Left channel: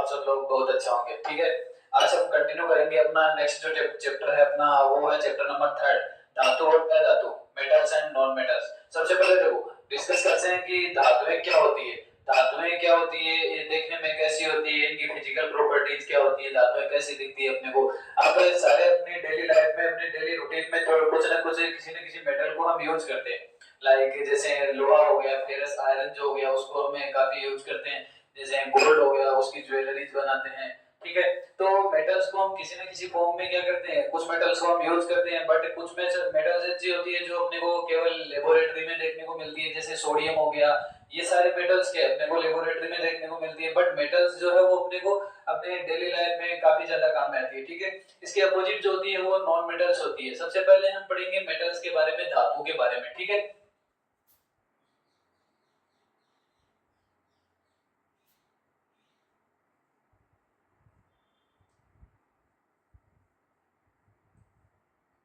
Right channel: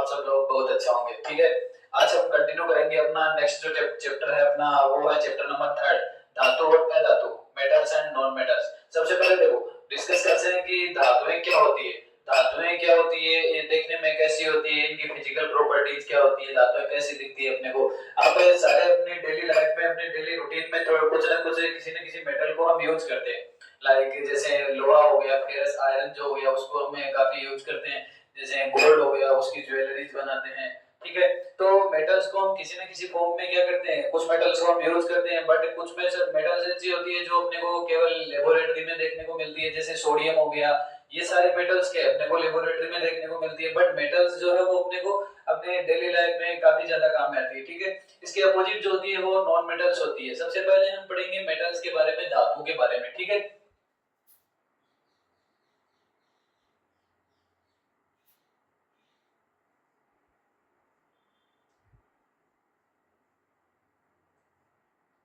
आप सब लोग बहुत अच्छा होंगे। ठीक है, आज हम कंटिन्यू करेंगे अपना नेक्स्ट जो चैप्टर है अपना, वो है चैप्टर नंबर 3, धातु और अधातु, मेटल्स एंड नॉन मेटल्स। सबसे पहले देखो डिस्कस करते हैं कि धातुएं क्या होती है। धातुएं क्या होती है, ये देखने में कैसी होती है, इनकी फिजिकल प्रॉपर्टीज क्या होती है, धातुएं कैसी दिखती है अपने को। आप सारे अपने डेली लाइफ में, अपने डेली रूटीन में तो कुछ ना कुछ किसी न किसी मेटल को हम यूज करते हैं। लाइक जैसे लोहा हो गया, फेरस आयरन जो हो गया, उसको हमें काफी यूज करते हैं। जैसे गोल्ड हो गया, उसकी ज्वेलरीज बनाते हैं। ठीक है, तो मेटल्स को हम किसी न किसी फॉर्म में क्या करते हैं, कुछ मेटल्स को हम यूज करते हैं, बट कुछ में मेटल्स ऐसी होती है जो अपने को केवल लेबोरेटरी में देखने को मिलती है, जैसे सोडियम हो गया। ये सारे मेटल्स के अपने को लेबोरेटरी में देखने को मिलती है, बट मेटल्स जो है वो अपने को अपने डेली लाइफ में काफी ज्यादा काम में आती है। ठीक है, इसके अपोजिट जो होती है वो नॉन मेटल्स होती है। सबसे पहले हम पढ़ेंगे मेटल्स के बारे में, धातु के बारे में। ठीक है,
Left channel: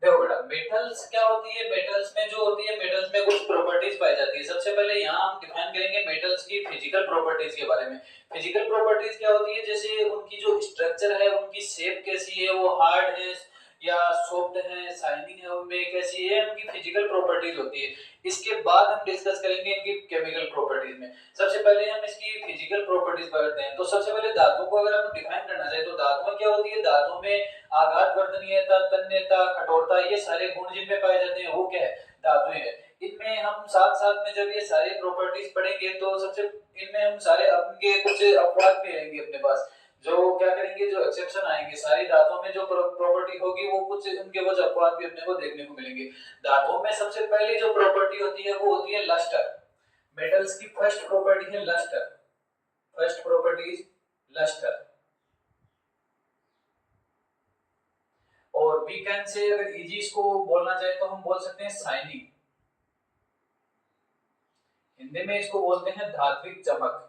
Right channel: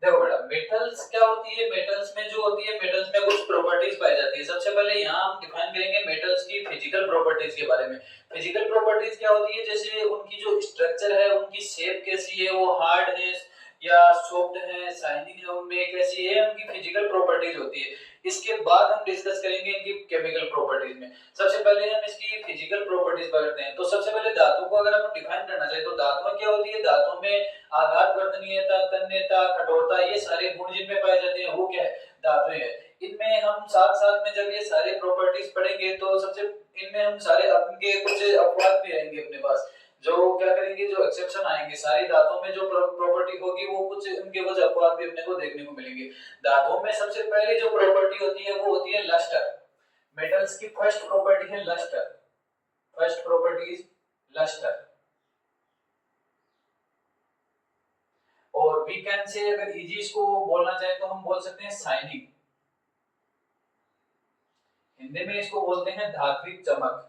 देखो बेटा मेटल्स क्या होती है, मेटल्स में जो होती है, मेटल्स में कुछ प्रॉपर्टीज पाई जाती है। सबसे पहले यहाँ हम डिफाइन करेंगे मेटल्स की फिजिकल प्रॉपर्टीज के बारे में। फिजिकल प्रॉपर्टीज क्या होती है, जैसे उनकी जो स्ट्रक्चर है, उनकी शेप कैसी है, वो हार्ड है या सॉफ्ट है, शाइनिंग है, उनमें कैसी है, उनकी फिजिकल प्रॉपर्टीज होती है। इसके बाद हम डिस्कस करेंगे इनकी केमिकल प्रॉपर्टीज में। सबसे पहले हम इसकी फिजिकल प्रॉपर्टीज पढ़ते हैं। तो सबसे पहले धातु को अगर हम डिफाइन करना चाहे तो धातु क्या होती है, धातु में आघात वर्तनीयता, तन्यता, कठोरता, ये सारे गुण जिनमें पाए जाते हैं वो क्या है, धातुएं है। इनमें हम साथ साथ में जब ये सारे प्रॉपर्टीज पढ़ेंगे तो सबसे इनमें हम सारे अपने कुछ अपवाद भी रहेंगे अपने पास, जो क्या करेंगे, जो एक्सेप्शन आएंगे सारी धातुओं में, जो प्रॉपर्टी होगी वो कुछ उनके कुछ अपवाद भी अपने को देखने को मिलेंगे। धातुओं में सबसे पहली जो प्रॉपर्टी होती है वो होती है लस्टर। मेटल्स की फर्स्ट प्रॉपर्टी है lustre. First property is lustre. और वी कैन से, अगर इजी इसको बोलना चाहे तो हम बोल सकते हैं शाइनिंग। हिंदी में इसको बोलते हैं धात्विक चमक।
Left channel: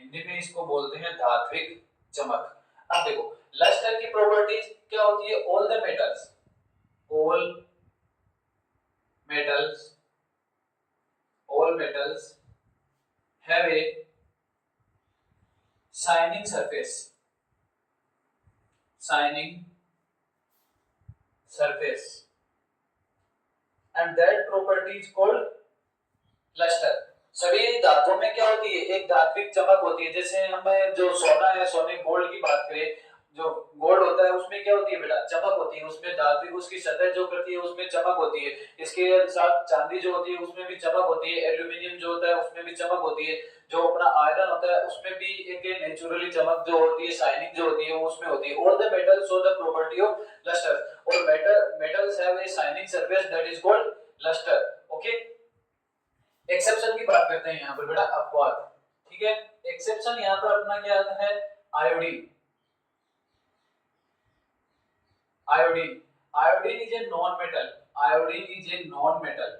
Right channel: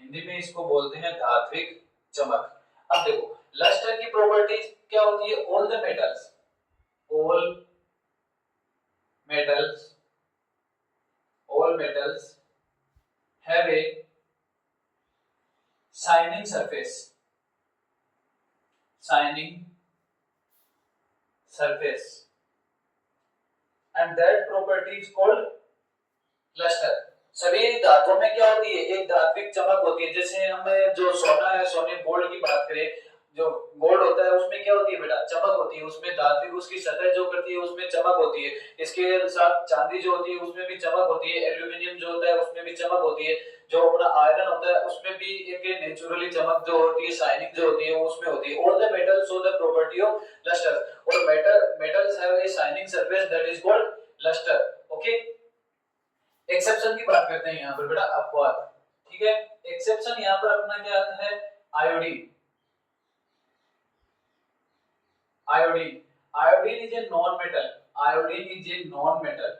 हिंदी में इसको बोलते हैं धात्विक चमक। अब देखो लस्टर की प्रॉपर्टीज क्या होती है, all the metals, all metals, all metals have a shining surface, shining surface, and that property is called lustre. सभी धातुओं में क्या होती है, एक धात्विक चमक होती है। जैसे हमें जो सोना है, सोने गोल्ड की बात करें, जो गोल्ड होता है उसमें क्या होती है बेटा, चमक होती है, उसमें धात्विक उसकी सतह जो करती है उसमें चमक होती है। इसके साथ चांदी जो होती है उसमें भी चमक होती है, एल्यूमिनियम जो होता है उसमें भी चमक होती है, जो अपना आयरन होता है उसमें भी एक नेचुरली चमक जो होती है, शाइनिंग जो होती है वो उसमें होती है। All the metals show the property of lustre, और metals have a shining surface that is called lustre. Okay, exception की बात करते हैं यहाँ पर बेटा, अपवाद। ठीक है, एक्सेप्शन यहाँ पर अपना क्या आता है, iodine. Iodine, iodine is a non metal, iodine is a non metal.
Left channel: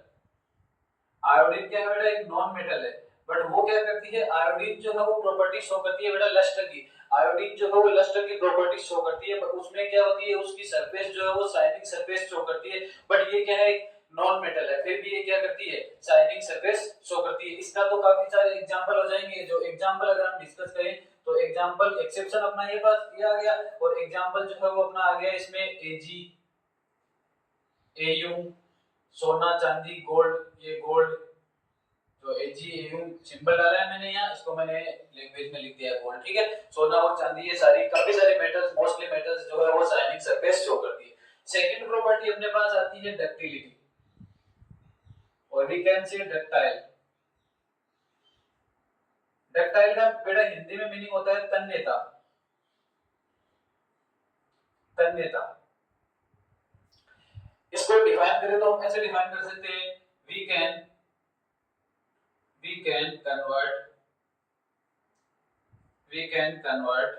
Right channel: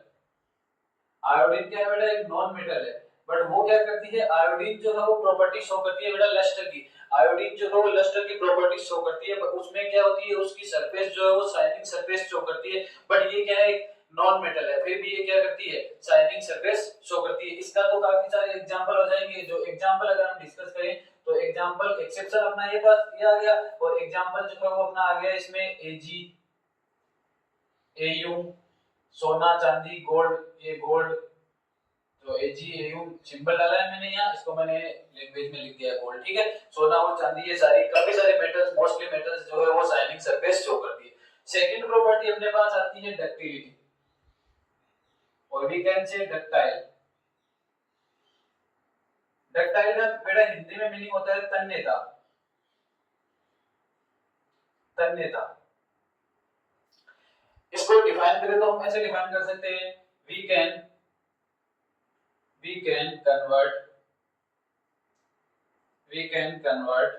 Iodine क्या है बेटा, एक नॉन मेटल है, बट वो क्या करती है, आयोडीन जो है वो प्रॉपर्टी शो करती है बेटा लस्टर की। आयोडीन जो है वो लस्टर की प्रॉपर्टी शो करती है, उसमें क्या होती है, उसकी सरफेस जो है वो शाइनिंग सरफेस शो करती है। बट ये क्या है, नॉन मेटल है, फिर भी ये क्या करती है, शाइनिंग सरफेस शो करती है। इसका तो काफी सारे एग्जांपल हो जाएंगे। जो एग्जांपल अगर हम डिस्कस करें तो एग्जांपल, एक्सेप्शन अपना ये पास ये आ गया, और एग्जांपल जो है वो अपना आ गया इसमें एजी, एयू, सोना, चांदी, गोल्ड। ये गोल्ड तो एजी एयू सिंबल डाला है मैंने यहाँ, इसको मैंने लैंग्वेज में लिख दिया है गोल्ड। ठीक है, सोना और चांदी, ये सारी काफी सारे मेटल्स, मोस्टली मेटल्स जो है वो शाइनिंग सरफेस शो करती है। सेकंड प्रॉपर्टी अपने पास आती है डक्टिलिटी, और we can say ductile. Ductile का बेटा हिंदी में मीनिंग होता है तन्यता, तन्यता। इसको डिफाइन करें तो हम ऐसे डिफाइन कर सकते हैं, we can convert, we can convert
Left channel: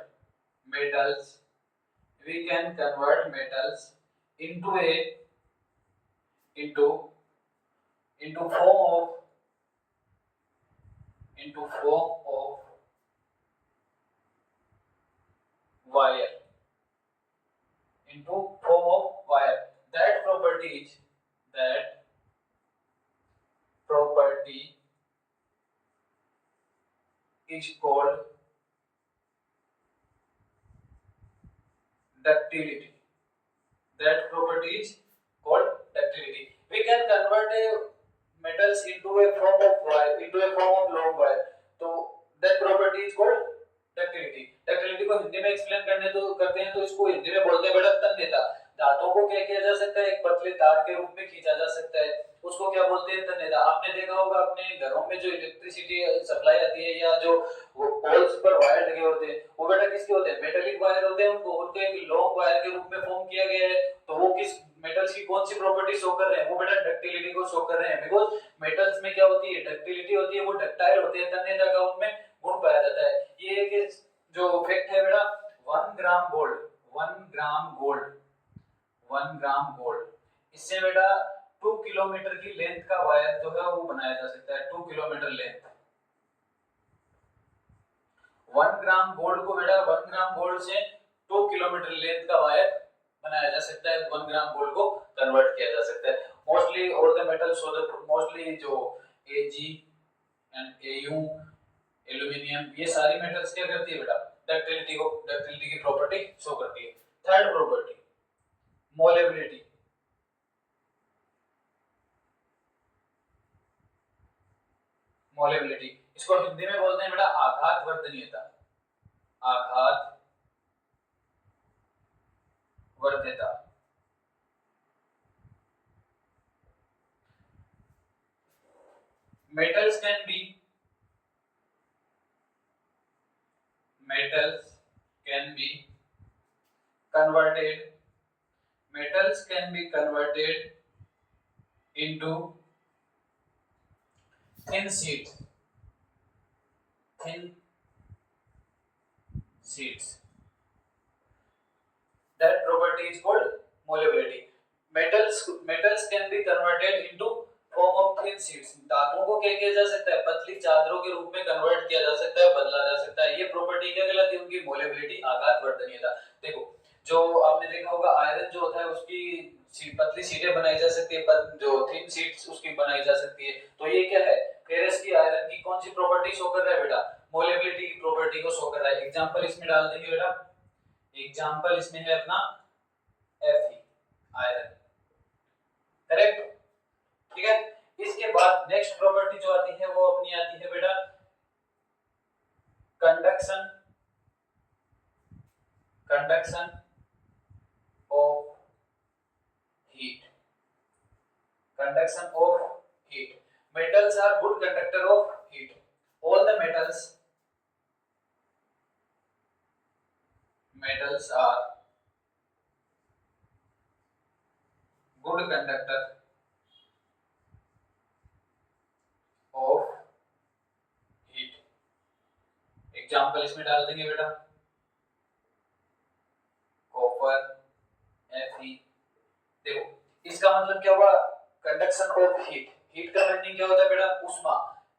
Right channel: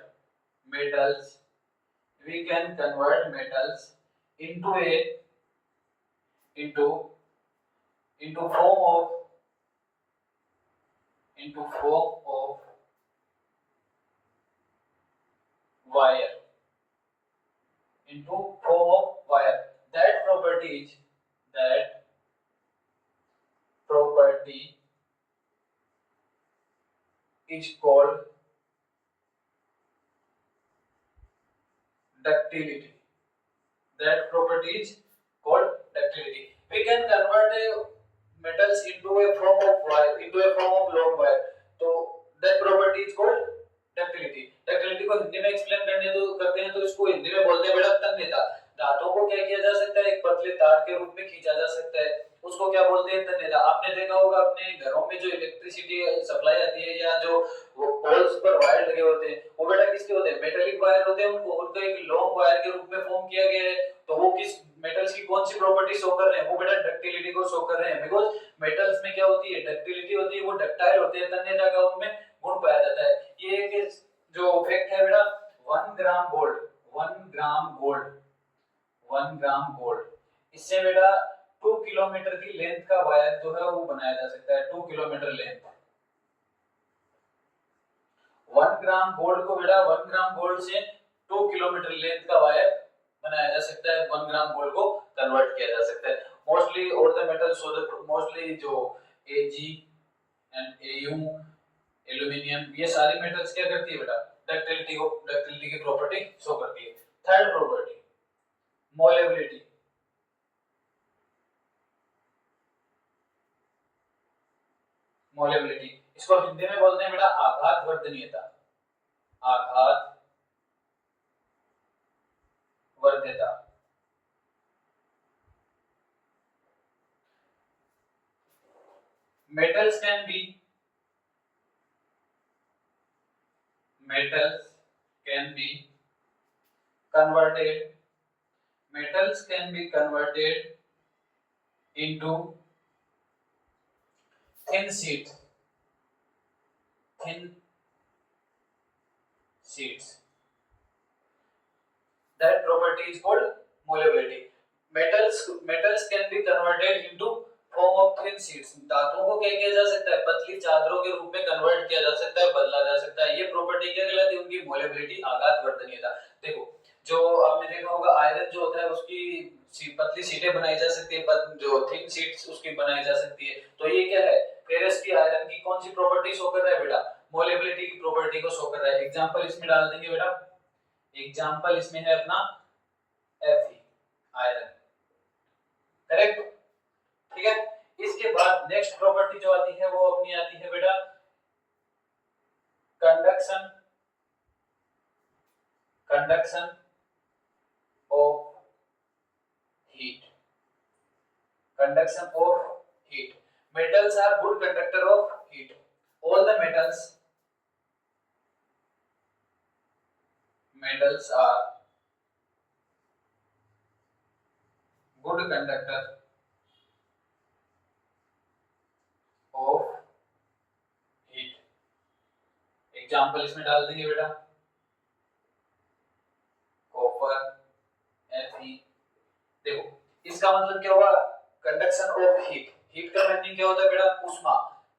metals, we can convert metals into a into form of, wire, into form of wire. That property is called ductility. That property is called ductility. We can convert a metals into a form of wire, into a form of long wire. तो that property is called ductility. ductility को हिंदी में explain करते हैं तो इसको हिंदी में बोलते हैं बेटा तन्यता. धातुओं को क्या किया जा सकता है, एक पतले तार के रूप में खींचा जा सकता है, उसको क्या बोलते हैं तन्यता. आपने देखा होगा अपने घरों में जो इलेक्ट्रिसिटी सप्लाई आती है या जो वो पोल्स पर वायर लगे होते हैं वो बेटा किसके होते हैं, मेटेलिक वायर होते हैं. उनको एक लॉन्ग वायर के रूप में फॉर्म किया गया है. तो वो किस मेटल्स की कौन सी प्रॉपर्टी शो कर रहे हैं, वो बेटा डक्टिलिटी को शो कर रहे हैं. बिकॉज़ मेटल्स में क्या होती है, डक्टिलिटी होती है, वो डक्टाइल होते हैं, तन्यता का उनमें गुण पाया जाता है. ये एक जो फैक्ट है बेटा 1 gram gold, 1 gram gold, 1 gram gold, इससे बेटा 2 किलोमीटर की लेंथ का वायर जो है वो बनाया जा सकता है. 2 किलोमीटर लेंथ. 1 ग्राम गोल्ड को बेटा 1 ग्राम गोल्ड से 2 किलोमीटर लेंथ का वायर बनाया जा सकता है. 1 ग्राम गोल्ड को कन्वर्ट किया जा सकता है. Mostly all the metals so the mostly जो Ag एंड Au एल्यूमिनियम ये सारी मेटल्स क्या करती है बेटा डक्टिलिटी की प्रॉपर्टी शो करती है. Third property मोलेबिलिटी. मोलेबिलिटी इसको हिंदी में बोलते हैं बेटा आघात वर्धनीयता. आघात वर्ध्यता. metals can be converted into thin sheets. That property is called molebility. Metals can be converted into form of thin sheets. धातुओं को क्या किया जा सकता है, पतली चादरों के रूप में कन्वर्ट किया जा सकता है, बदला जा सकता है. ये प्रॉपर्टी क्या कहलाती है, उनकी मोलेबिलिटी आघात वर्धनीयता. देखो जो आपने देखा होगा आयरन जो होता है उसकी पतली शीटें बनाई जा सकती है, जो थिन शीट्स उसकी बनाई जा सकती है. तो ये क्या है, फेरस की आयरन की कौन सी प्रॉपर्टी शो कर रहा है बेटा, मोलेबिलिटी की प्रॉपर्टी को शो कर रहा है. एग्जांपल इसमें डाल देंगे बेटा. एग्जांपल इसमें है अपना Fe आयरन. करेक्ट. ठीक है. इसके बाद नेक्स्ट प्रॉपर्टी जो आती है वो अपनी आती है बेटा conduction of heat. Conduction of heat. metals are good conductor of heat. All the metals are good conductor of heat. Example इसमें डाल देंगे बेटा कॉपर Fe. देखो इसका मतलब क्या हुआ, कंडक्शन ऑफ हीट. हीट का मीनिंग क्या होता है बेटा, ऊष्मा.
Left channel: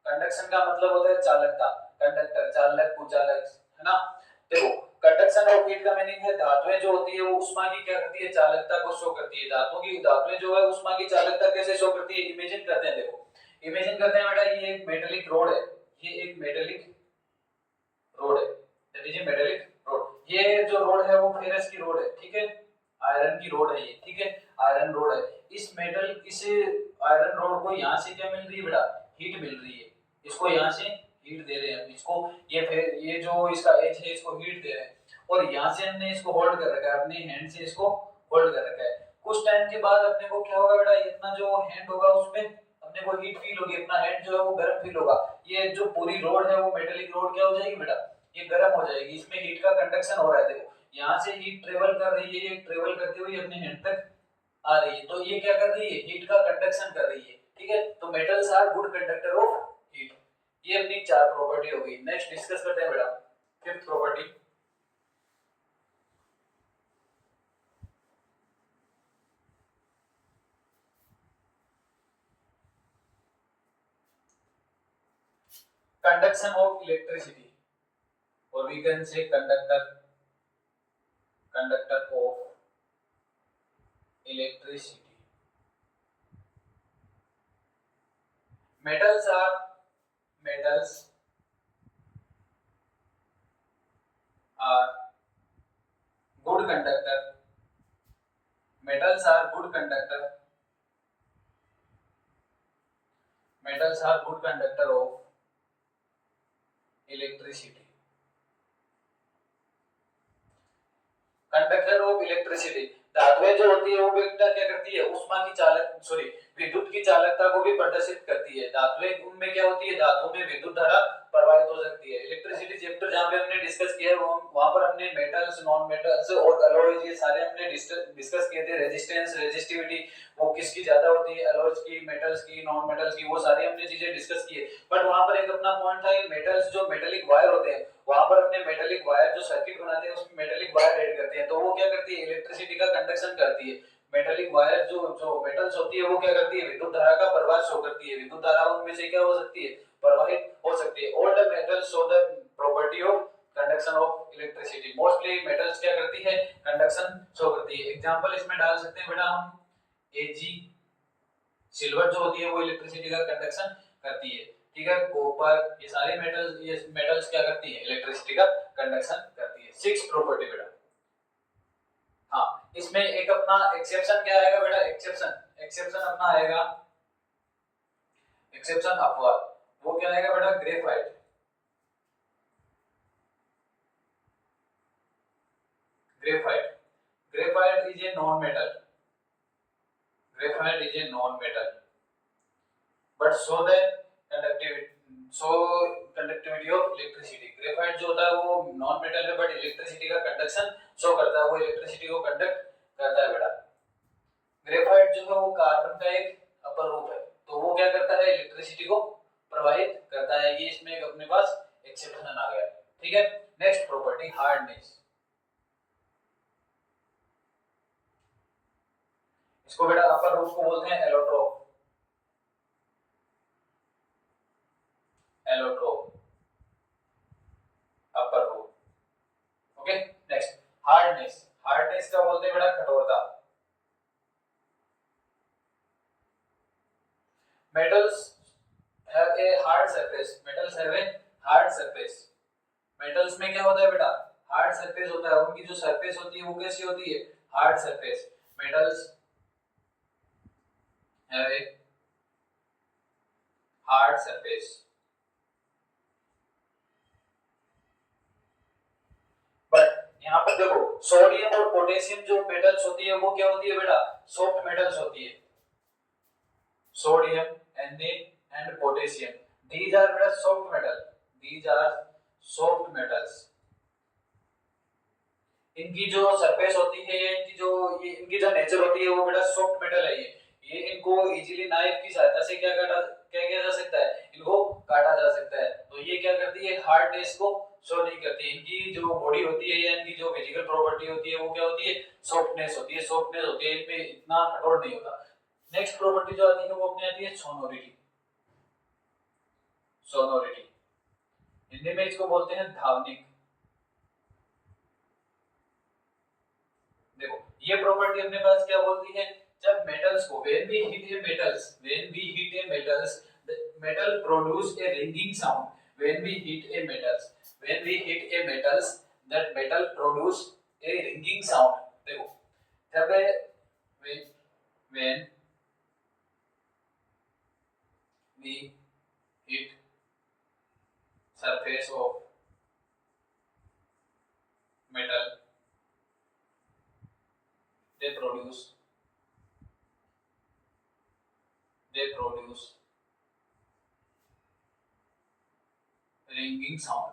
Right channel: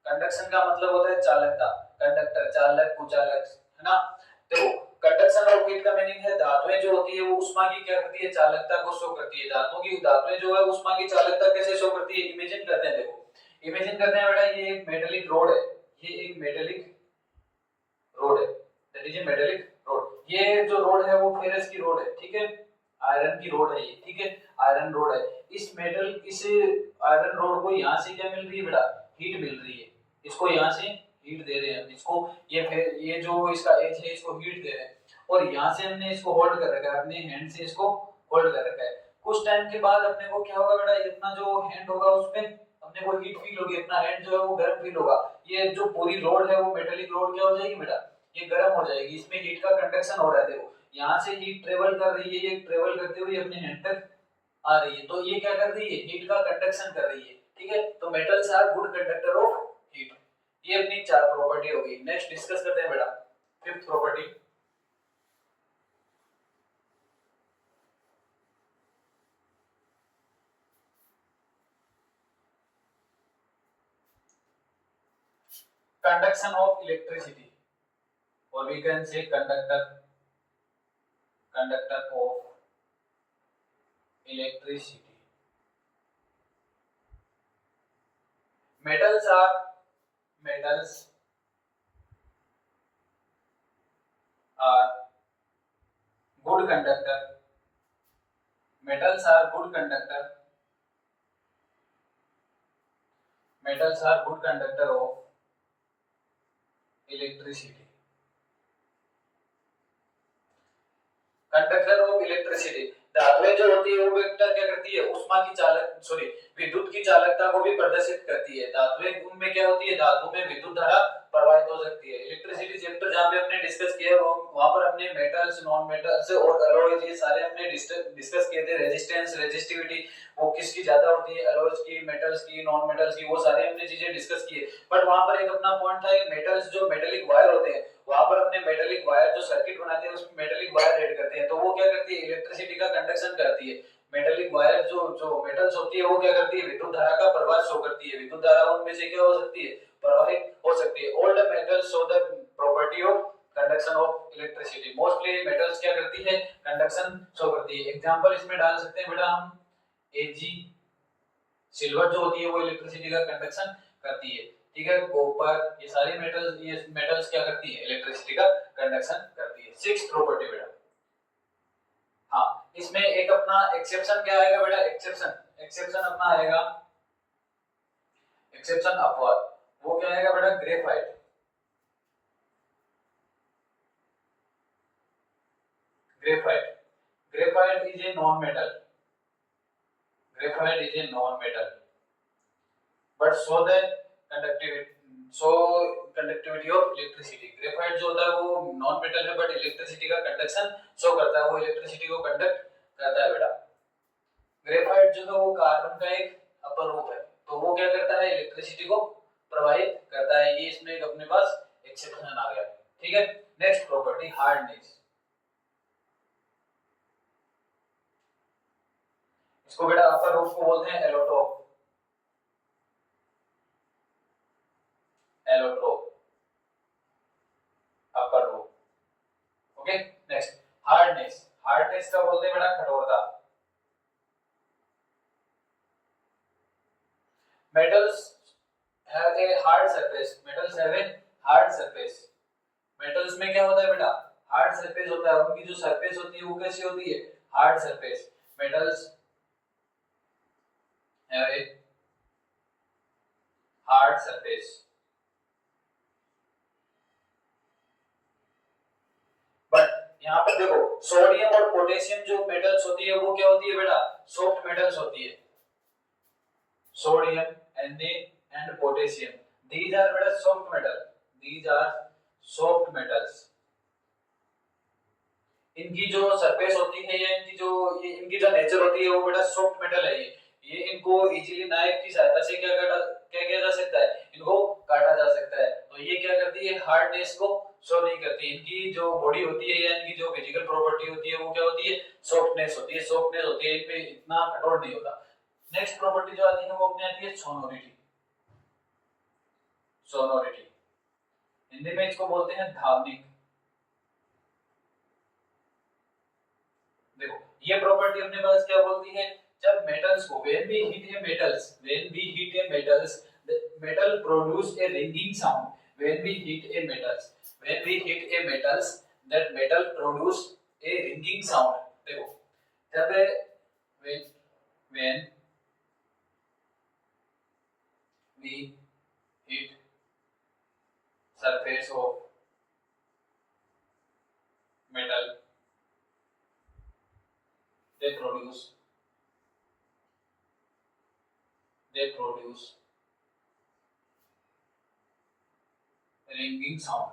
कंडक्शन का मतलब होता है चालकता. कंडक्टर चालक कुचालक है ना. देखो कंडक्शन ऑफ हीट का मीनिंग है धातुएं जो होती है वो ऊष्मा की क्या करती है, चालकता को शो करती है. धातुएं जो है ऊष्मा की चालकता कैसे शो करती है, इमेजिन करते हैं. देखो इमेजिन करते हैं बेटा ये एक मेटेलिक रोड है, ये एक मेटेलिक रोड है, that is a metallic road. ये जो रोड है वो फेरस की रोड है, ठीक है, आयरन की रोड है ये, ठीक है, आयरन रोड है. इस आयरन रोड को यहाँ से क्या मिल रही है बेटा, हीट मिल रही है. इसको यहाँ से हीट दे रहे हैं इसको, ये जो इसका एज है इसको हीट दे रहे हैं और यहाँ से हमने इसको होल्ड कर रखा है, अपने हैंड से इसको होल्ड कर रखा है. कुछ टाइम के बाद अपने को क्या होगा बेटा, इतना जो हैंड होगा उसमें अपने को हीट फील होगी, अपना हैंड जो है वो गर्म फील होगा. ये जो पूरी रोड है वो मेटेलिक रोड क्या हो जाएगी बेटा, ये गर्म हो जाएगी. इसमें हीट का कंडक्शन हो रहा है. देखो यहाँ से हीट ट्रेवल कर रही है, ये ट्रेवल करते हुए अपने हैंड तक आ रही है. तो ये क्या कर रही है, हीट का कंडक्शन कर रही है. ठीक है, तो metals are good conductor of heat. ये अपनी चार प्रॉपर्टी हो गई. नेक्स्ट डिस्कस करते हैं बेटा fifth property. conduction of electricity or we can say conductor of electricity. Metals are good conductor. Metals are good conductor. Metals are good conductor of electricity. Conductor of electricity, धातुएं जो होती है वो बेटा क्या करती है, उष्मा की चालक सॉरी विद्युत की चालकता को भी प्रदर्शित करती है। धातुएं उनमें क्या होती है, धातु में विद्युत धारा प्रवाहित हो सकती है। इलेक्ट्रिसिटी चैप्टर जहां पे हमने डिस्कस किया है वहां पर हमने मेटल्स, नॉन मेटल्स और अलॉयज ये सारे हमने डिस्कस किए थे। रेजिस्टेंस, रेजिस्टिविटी वो किसकी ज्यादा होती है, अलॉयज की, मेटल्स की, नॉन मेटल्स की, वो सारी हमने चीजें डिस्कस की है। बट वहां पर एक अपना पॉइंट था, मेटल्स जो मेटेलिक वायर होते हैं वहां पर अपने मेटेलिक वायर जो सर्किट बनाते हैं उसमें मेटेलिक वायर ऐड करते हैं, तो वो क्या करती है, इलेक्ट्रिसिटी का कंडक्शन करती है। मेटेलिक वायर जो जो मेटल्स होती है वो क्या करती है, विद्युत धारा का प्रवाह शो करती है। विद्युत धारा उनमें से क्या हो सकती है, प्रवाहित हो सकती है। All the metals show the property of conduction of electricity. Mostly metals क्या करती है, कंडक्शन शो करती है। एग्जांपल इसमें डाल सकते हैं बेटा हम, एजी सिल्वर जो होती है वो इलेक्ट्रिसिटी का कंडक्शन करती है, ठीक है। कॉपर, ये सारे मेटल्स, ये मेटल्स क्या करती है, इलेक्ट्रिसिटी का कंडक्शन करती है। 6 प्रॉपर्टी बेटा। हाँ, इसमें एक अपना एक्सेप्शन क्या आएगा बेटा, एक्सेप्शन अपना आएगा, एक्सेप्शन अपवाद। वो क्या आएगा बेटा, graphite. Graphite is a non metal, graphite is a non-metal but show the conductivity of electricity। graphite जो होता है वो नॉन मेटल है बट इलेक्ट्रिसिटी का कंडक्शन शो करता है, वो इलेक्ट्रिसिटी को कंडक्ट करता है बेटा। ग्रेफाइट जो है वो कार्बन का एक अपर रूप है, तो वो क्या करता है, इलेक्ट्रिसिटी को प्रवाहित करता है। ये इसमें अपने पास एक्सेप्शन आ गया, ठीक है। Next property, hardness. इसको बेटा अपर रूप को बोलते हैं एलोट्रोप, अपर रूप। Okay, next hardness. हार्डनेस का बोलते हैं बेटा कठोरता। Metals have a hard surface, metals have a hard surface. Metals में क्या होता है बेटा, हार्ड सरफेस होता है। उनकी जो सरफेस होती है वो कैसी होती है, hard surface. Metals have a hard surface. But यहाँ पर देखो, सोडियम और पोटेशियम जो मेटल्स होती है वो क्या होती है बेटा, सॉफ्ट मेटल्स होती है। Sodium Na and potassium, these are बेटा soft metal, these are soft metals. इनकी जो सरफेस होती है या इनकी जो नेचर होती है वो बेटा सॉफ्ट मेटल है। ये इनको इजीली नाइफ की सहायता से क्या किया जा सकता है, इनको काटा जा सकता है। तो ये क्या करती है, हार्डनेस को शो नहीं करती। इनकी जो बॉडी होती है या इनकी जो फिजिकल प्रॉपर्टी होती है वो क्या होती है, सॉफ्टनेस होती है, सॉफ्टनेस होती है, इनपे इतना कठोर नहीं होता। नेक्स्ट प्रॉपर्टी जो आती है वो अपनी आती है सोनोरिटी। सोनोरिटी हिंदी में इसको बोलते हैं धावनिक। देखो ये प्रॉपर्टी अपने पास क्या बोलती है, जब मेटल्स को when we hit a metals the metal produce a ringing sound। when we hit a metals that metal produce a ringing sound। देखो जब when we hit surface of metal they produce ringing sound।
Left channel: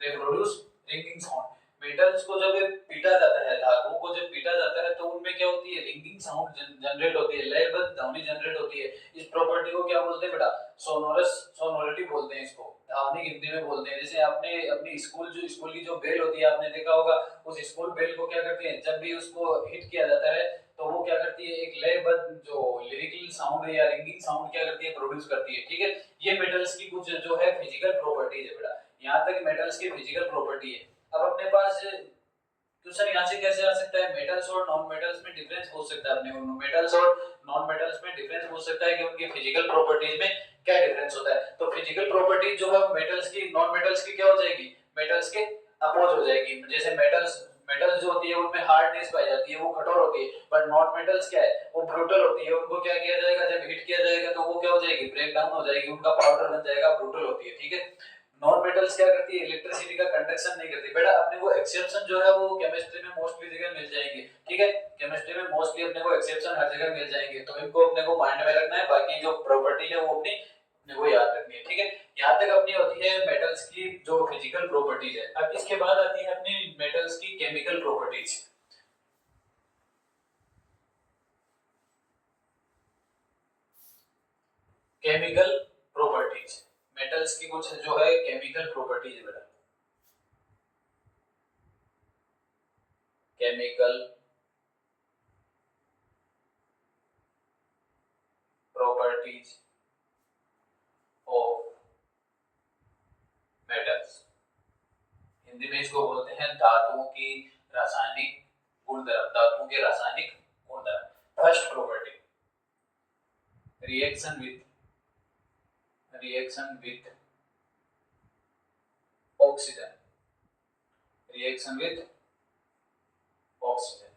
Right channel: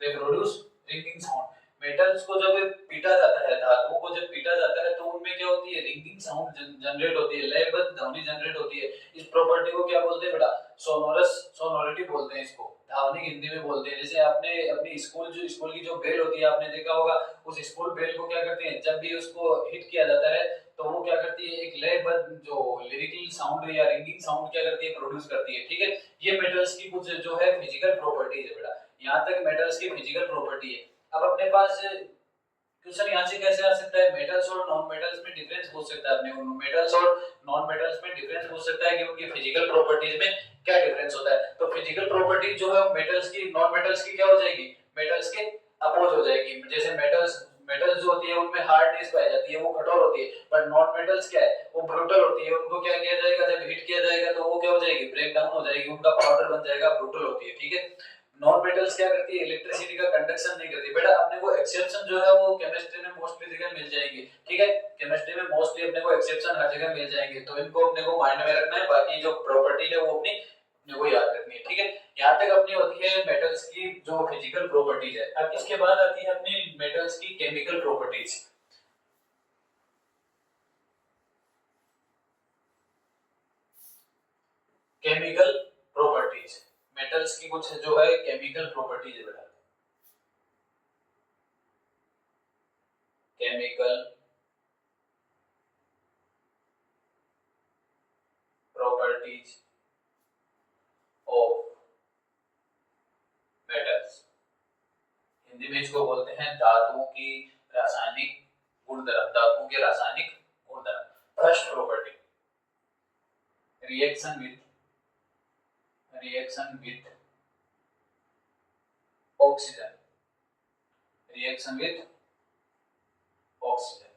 they produce ringing sound। Metals को जब पीटा जाता है, धातुओं को जब पीटा जाता है तो उनमें क्या होती है, रिंगिंग साउंड जनरेट होती है, लयबद्ध ध्वनि जनरेट होती है। इस प्रॉपर्टी को क्या बोलते हैं बेटा, सोनोरिटी बोलते हैं इसको, ध्वनिक हिंदी में बोलते हैं। जैसे आपने अपनी स्कूल की जो बेल होती है आपने देखा होगा, उस स्कूल बेल को क्या करते हैं, जब भी उसको हिट किया जाता है तो वो क्या करती है, एक लयबद्ध जो लिरिकल साउंड या रिंगिंग साउंड क्या करती है, प्रोड्यूस करती है, ठीक है। ये मेटल्स की कुछ जो है फिजिकल प्रॉपर्टीज है बेटा। यहाँ तक मेटल्स की फिजिकल प्रॉपर्टी है। अब अपने पास क्वेश्चन यहाँ से कैसे आ सकता है, मेटल्स और नॉन मेटल्स में डिफरेंस पूछ सकता है अपने को, मेटल्स और नॉन मेटल्स में डिफरेंस पूछ सकता है कि उनकी फिजिकल प्रॉपर्टीज में क्या डिफरेंस होता है। तो फिजिकल प्रॉपर्टीज जो है मेटल्स की, नॉन मेटल्स की क्या हो जाएगी, मेटल्स के अपोज हो जाएगी। जैसे मेटल्स मेटल्स जो होती है उनमें हार्डनेस पाई जाती है, वो कठोर होती है, पर नॉन मेटल्स क्या है, वो ब्रूटल होती है। उनको क्या किया जाएगा, जब हीट किया जाएगा तो वो क्या हो जाएगी, ब्रेक डाउन हो जाएगी, उनका पाउडर बन जाएगा, ब्रूटल होती है। ठीक है, नॉन मेटल्स क्या करती है, इलेक्ट्रिसिटी का कंडक्शन नहीं करती। बेटा अपने को एक्सेप्शन जो है वो केमिस्ट्री में मोस्टली जगह मिल जाएंगे। ठीक है, केमिस्ट्री में मोस्टली अपने को एक्सेप्शन हर जगह मिल जाएंगे, तो इनको अपने को माइंड में रखना है। बाकी जो प्रॉपर्टी है वो अपने को याद रखनी है। ठीक है, यहाँ तक अपनी होती है मेटल्स की जो फिजिकल प्रॉपर्टीज है। अब इसके बाद आती है अपनी मेटल्स की chemical properties. Chemical properties, metals की कुछ जो है केमिकल प्रॉपर्टीज है बेटा। Chemical properties of metals, Hindi में इसको बोलते हैं धातुओं की रासायनिक गुणधर्म, धातुओं के रासायनिक गुणधर्म। First property, reaction with oxygen, reaction with oxygen.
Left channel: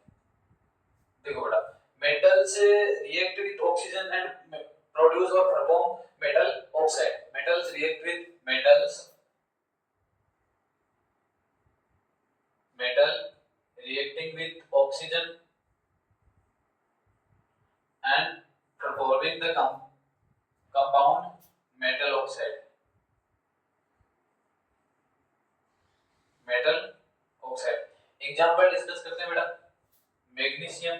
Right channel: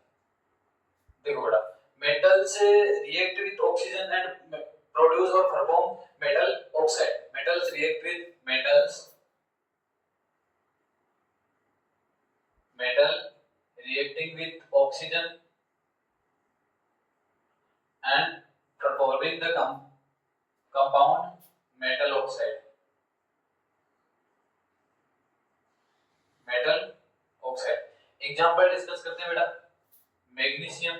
देखो बेटा, metals react with oxygen and produce और perform metal oxide. Metals react with metal reacting with oxygen and performing the compound metal oxide, metal oxide। Example discuss करते हैं बेटा। Magnesium,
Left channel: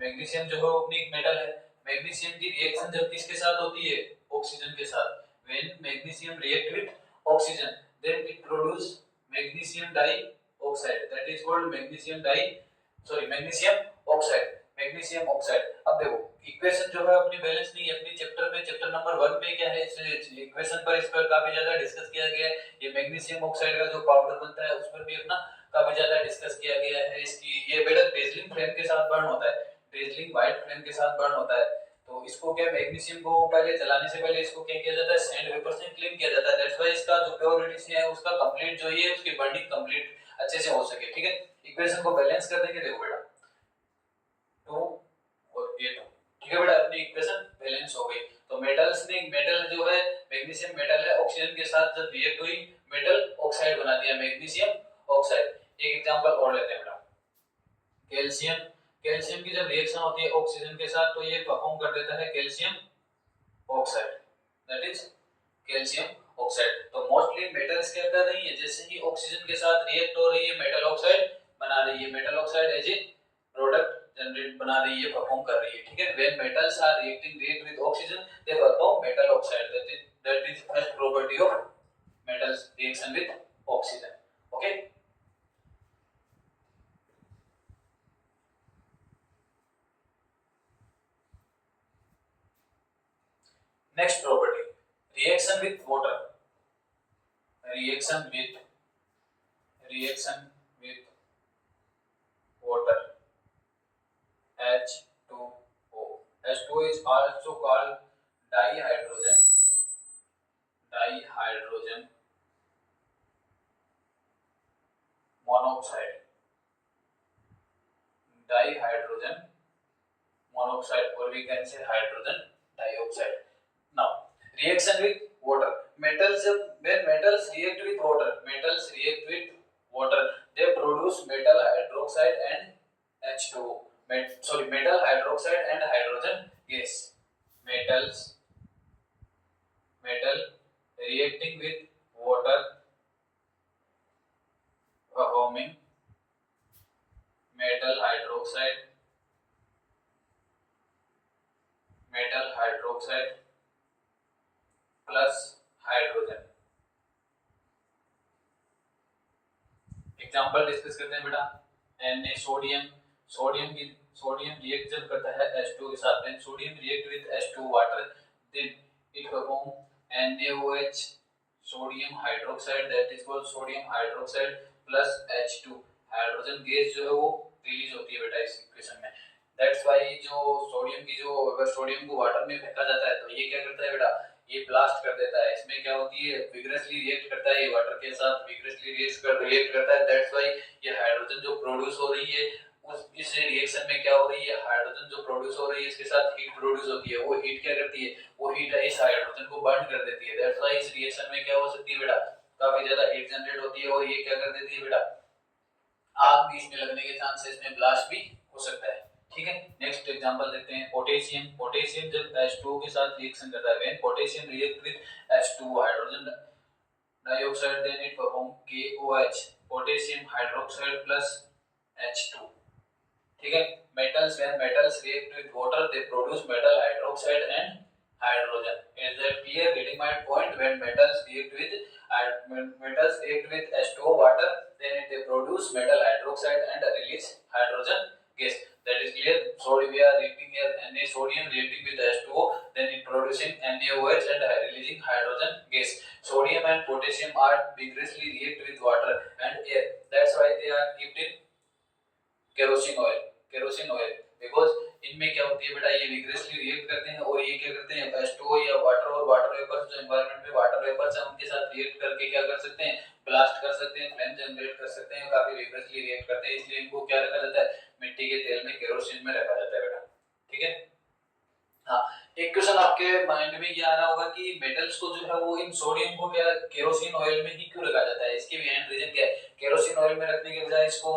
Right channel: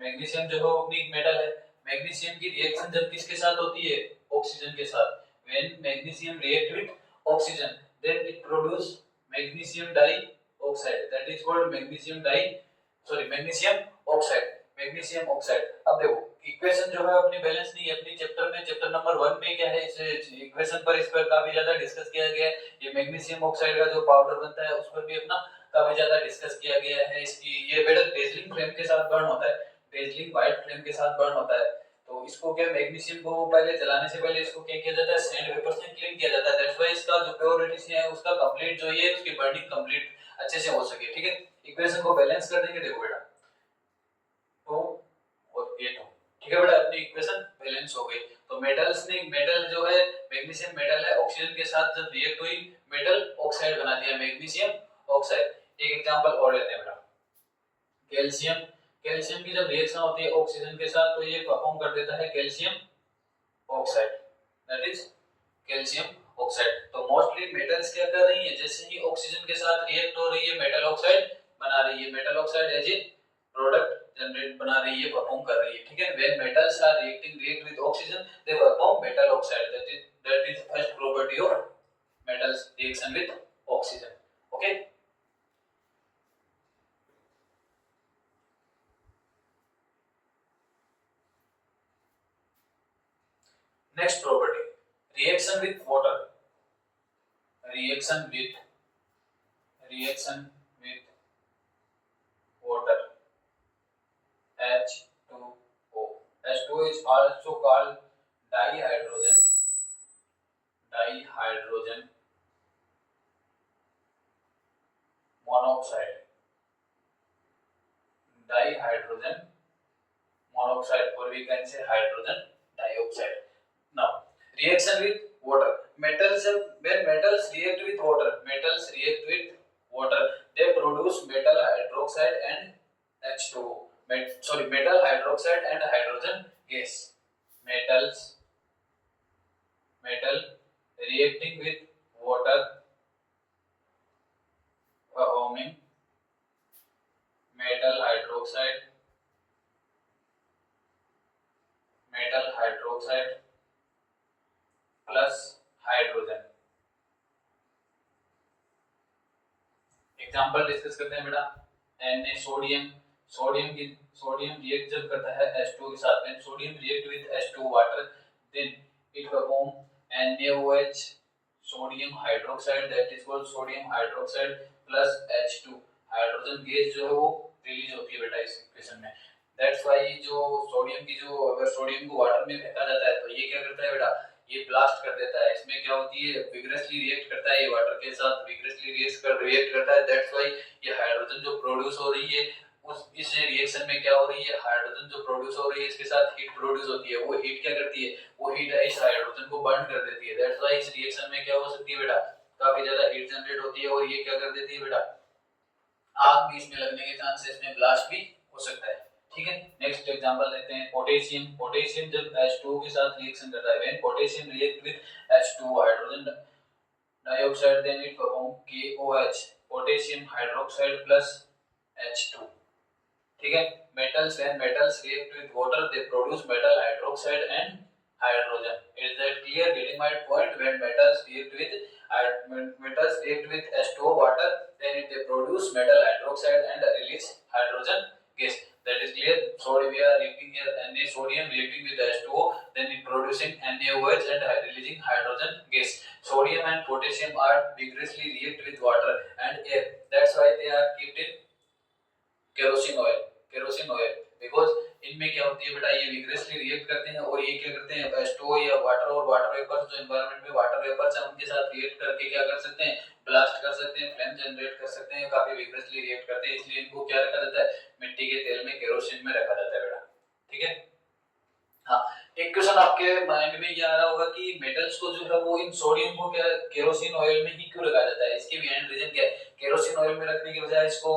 magnesium जो है अपनी एक मेटल है। मैग्नीशियम की रिएक्शन जब किसके साथ होती है, ऑक्सीजन के साथ। When magnesium react with oxygen then it produce magnesium dioxide, that is called magnesium di sorry magnesium oxide, magnesium oxide. अब देखो इक्वेशन जो है अपनी बैलेंस नहीं है। अपनी चैप्टर में चैप्टर नंबर 1 में क्या है, इस इक्वेशन पर इस पर काफी ज्यादा डिस्कस किया गया है। ये मैग्नीशियम ऑक्साइड का जो पाउडर बनता है उस पर भी अपना काफी ज्यादा डिस्कस किया गया है। इसकी ये बेटा डेजलिंग फ्लेम के साथ बर्न होता है, डेजलिंग व्हाइट फ्लेम के साथ बर्न होता है। तो इसको क्या, मैग्नीशियम को पहले जलाने से पहले इसको क्या किया जाता है, सैंड पेपर से क्लीन किया जाता है। दैट्स व्हाई इसका जो प्योरिटी है उसका कंप्लीट जो ये उसकी बर्निंग कंप्लीट अच्छे से हो सके। ठीक है, इक्वेशन को बैलेंस कर देंगे। देखो बेटा 2 और ये 2, ठीक है बेटा, अपनी इक्वेशन बैलेंस हो गई। तो मेटल्स ने, मेटल जो है मैग्नीशियम मेटल है, ऑक्सीजन के साथ जब रिएक्ट हुई मेटल ऑक्साइड बना दिया, मैग्नीशियम ऑक्साइड। एक एग्जांपल और लेते हैं बेटा, कैल्शियम। कैल्शियम की जब रिएक्शन होती है ऑक्सीजन के साथ तो ये परफॉर्म कर देता है calcium oxide, that is calcium oxide. तो मोस्टली मेटल्स क्या कर रही है, जैसे ही ऑक्सीजन के साथ रिएक्ट हो रही है मेटल ऑक्साइड बना रही है, metal oxide as a product generate बना रही है, परफॉर्म कर रही है। ठीक है, when metals are react with oxygen they perform metal oxide, that is first property of metals, reaction with oxygen. Okay, next property, reaction with water, reaction with water, H2O। H2O is also called dihydrogen monoxide, dihydrogen monoxide, or we can say hydrogen dioxide। Now reaction with water, metals, when metals react with water, they produce metal hydroxide and H2O, metal hydroxide and hydrogen gas। metal reacting with water performing metal hydroxide plus hydrogen। Example discuss करते हैं बेटा। Na sodium react जब करता है H2 के साथ, then sodium react with H2 water, then it perform NaOH sodium hydroxide, that is called sodium hydroxide plus H2, hydrogen gas जो है वो रिलीज होती है बेटा इस इक्वेशन में। दैट्स व्हाई जो सोडियम की जो, अगर सोडियम को वाटर में फेंका जाता है तो ये क्या करता है बेटा, ये ब्लास्ट कर देता है। इसमें क्या होती है, विग्रसली रिएक्ट करता है, ये वाटर के साथ विग्रसली रिएक्ट करता है। दैट्स व्हाई ये हाइड्रोजन जो प्रोड्यूस हो रही है उस इस रिएक्शन में क्या हो रही है, हाइड्रोजन जो प्रोड्यूस हो रही है इसके साथ हीट प्रोड्यूस होती है। वो हीट क्या करती है, वो हीट इस हाइड्रोजन को बर्न कर देती है। दैट्स व्हाई इस रिएक्शन में क्या हो सकती है बेटा, काफी ज्यादा हीट जनरेट होती है और ये क्या कर देती है बेटा, आग भी इसमें लगने के चांसेस में ब्लास्ट भी हो सकता है। ठीक है, नेक्स्ट एग्जांपल देखते हैं पोटेशियम। पोटेशियम जब H2O के साथ रिएक्शन करता है, when potassium react with H2O hydrogen dioxide then it form KOH potassium hydroxide plus H2। ठीक है, metals when metals react with water they produce metal hydroxide and hydrogen. Is that clear? Getting my point? When metals react with H2O water then they produce metal hydroxide and release hydrogen gas. That is clear. So we are reacting here Na sodium reacting with H2O then it producing NaOH and releasing hydrogen gas. Sodium and potassium are vigorously react with water and air. That's why they are kept in kerosene oil because इनमें क्या होती है बेटा, ये vigorously react करते हैं और ये क्या करते हैं, H2O या वाटर और वाटर वेपर्स जो एनवायरनमेंट में वाटर वेपर्स हैं उनके साथ रिएक्ट करके क्या कर सकते हैं, ब्लास्ट कर सकते हैं, फ्लेम जनरेट कर सकते हैं, काफी विग्रसली रिएक्ट करते हैं। इसलिए इनको क्या रखा जाता है, मिट्टी के तेल में केरोसिन में रखा जाता है बेटा। ठीक है, हाँ, एक क्वेश्चन आपके माइंड में ये आ रहा होगा कि मेटल्स को जो है वो इन सोडियम को क्या केरोसिन ऑयल में ही क्यों रखा जाता है, इसके बिहाइंड रीजन क्या है। केरोसिन ऑयल में रखने के बजाय इसको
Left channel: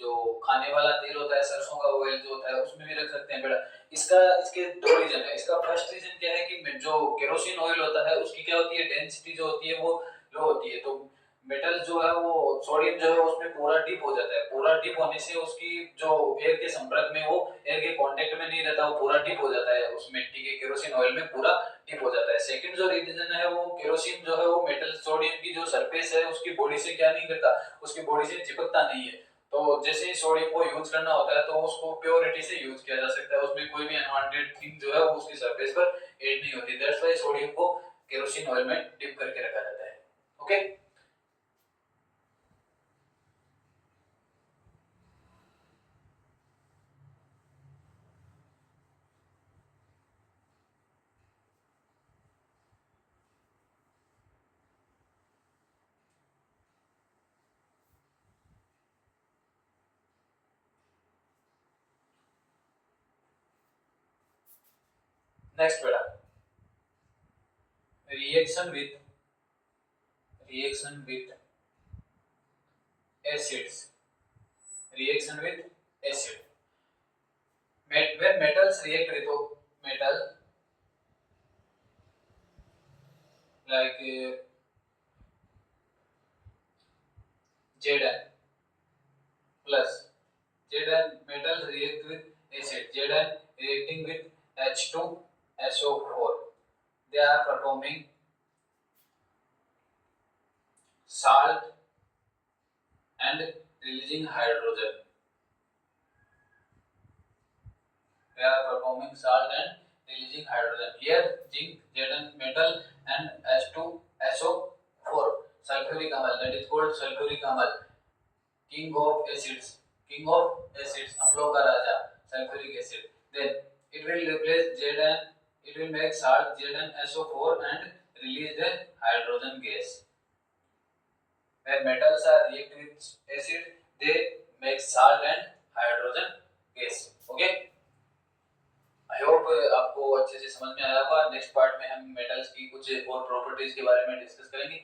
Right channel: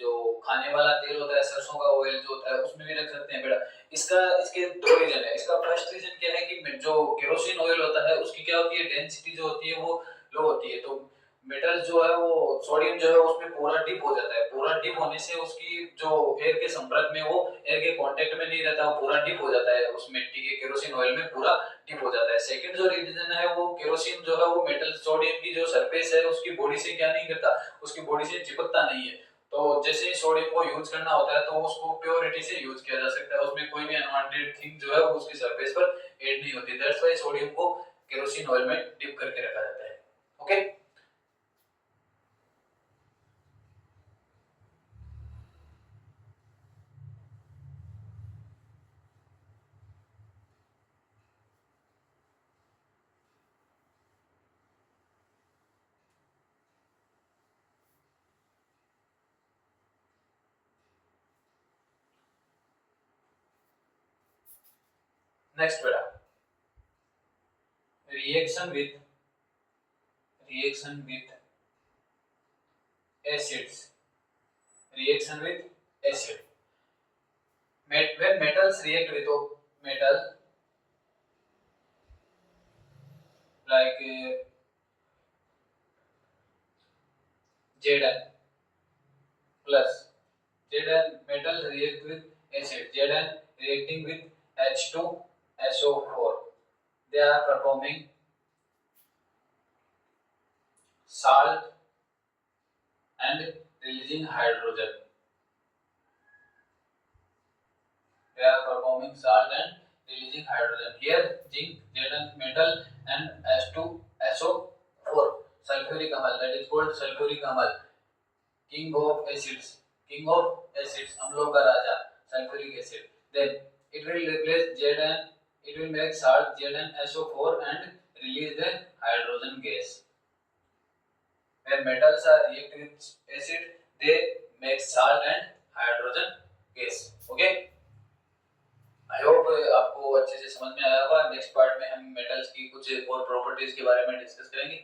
जो खाने वाला तेल होता है, सरसों का ऑयल जो होता है उसमें भी रख सकते हैं बेटा। इसका इसके दो रीजन है। इसका फर्स्ट रीजन क्या है कि जो केरोसिन ऑयल होता है उसकी क्या होती है, डेंसिटी जो होती है वो लो होती है, तो मेटल जो है वो सोडियम जो है उसमें पूरा डिप हो जाता है। पूरा डिप होने से उसकी जो एयर के संपर्क में, वो एयर के कांटेक्ट में नहीं रहता, वो पूरा डिप हो जाता है उस मिट्टी के केरोसिन ऑयल में, पूरा डिप हो जाता है। सेकंड जो रीजन है वो केरोसिन जो है वो मेटल सोडियम की जो सरफेस है उसकी बॉडी से क्या नहीं करता, उसकी बॉडी से चिपकता नहीं है। तो जैसे ही सोडियम को यूज करना होता है तो उसको प्योरिटी से यूज किया जा सकता है, उसमें कोई भी अनवांटेड थिंग जो है वो उसकी सरफेस पर ऐड नहीं होती। दैट्स व्हाई सोडियम को केरोसिन ऑयल में डिप करके रखा जाता है। ओके, नेक्स्ट बेटा, reaction with acids, reaction with acid. when metals react with metal like Zn plus Zn metals react with acid, Zn reacting with H2SO4, they are performing salt and releasing hydrogen. They are performing salt and releasing hydrogen. Here zinc, Zn metal and H2SO4 sulfuric amide, that is called sulfuric amide, king of acids, अम्लों का राजा, sulfuric acid. Then it will replace Zn, it will make salt ZnSO4 and release the hydrogen gas. When metals are react with acid, they make salt and hydrogen gas. Okay, I hope आपको अच्छे से समझ में आया होगा। Next part में हम metals की कुछ और प्रॉपर्टीज के बारे में डिस्कस करेंगे।